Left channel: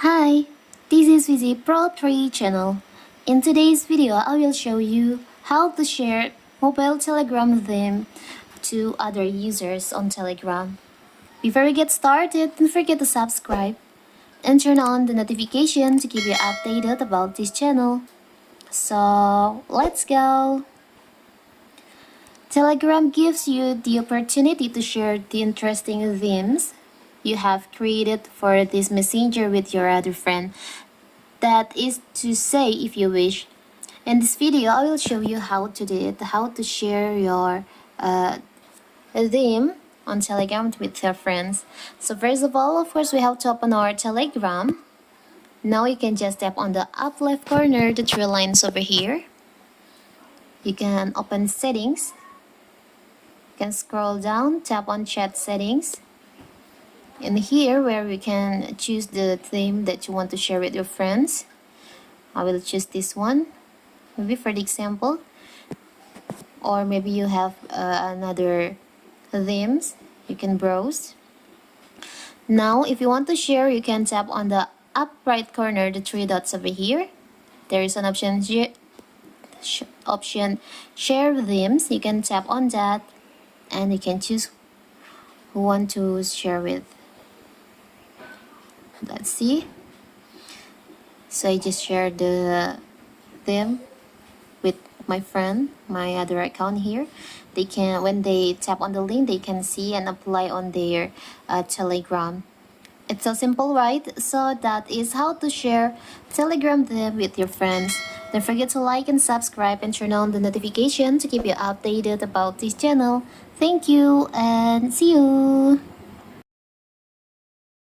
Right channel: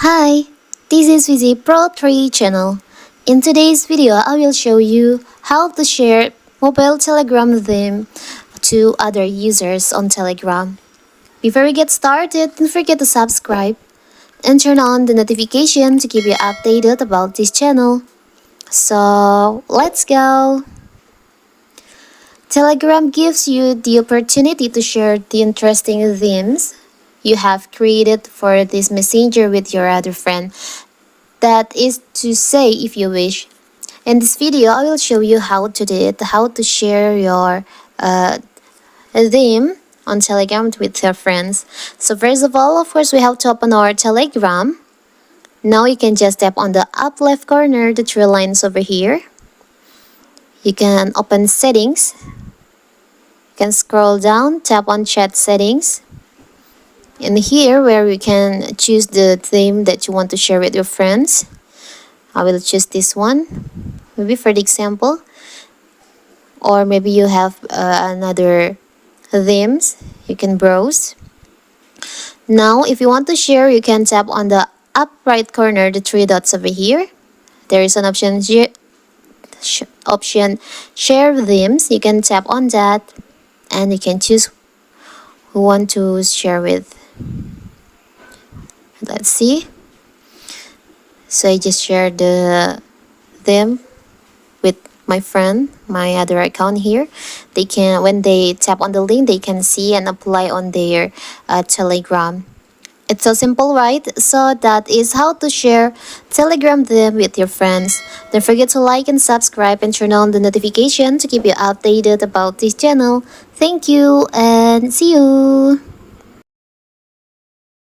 Hi, this is Vizi Pro 3 channel. In today's video, I will show you how to share mobile Telegram theme to other users on Telegram. Before we get started, don't forget to subscribe and turn on the notification to keep you updated about this channel. So, let's go! Telegram gives you the opportunity to share the interesting themes you have created for this messenger with your other friend. That is to say, if you wish. In this video, I will show you how to do it, how to share your theme on Telegram with your friends. So first of all, of course, we have to open our Telegram. Now you can just tap on the up left corner, the three lines over here. You can open settings. You can scroll down, tap on chat settings. And here where you can choose the theme that you want to share with your friends. I will choose this one, maybe for the example. Or maybe you have another themes, you can browse. Now, if you want to share, you can tap on the up right corner, the three dots over here. There is an option, share themes. You can tap on that and you can choose who want to share with. Let's see. So I just shared them with my friend, my other account here. They can, when they tap on the link, they can see and apply on their Telegram. It's so simple, right? So that is how to share Telegram them with your friends. Don't forget to like and subscribe and turn on the notification to keep you updated about this channel. Thank you and see you!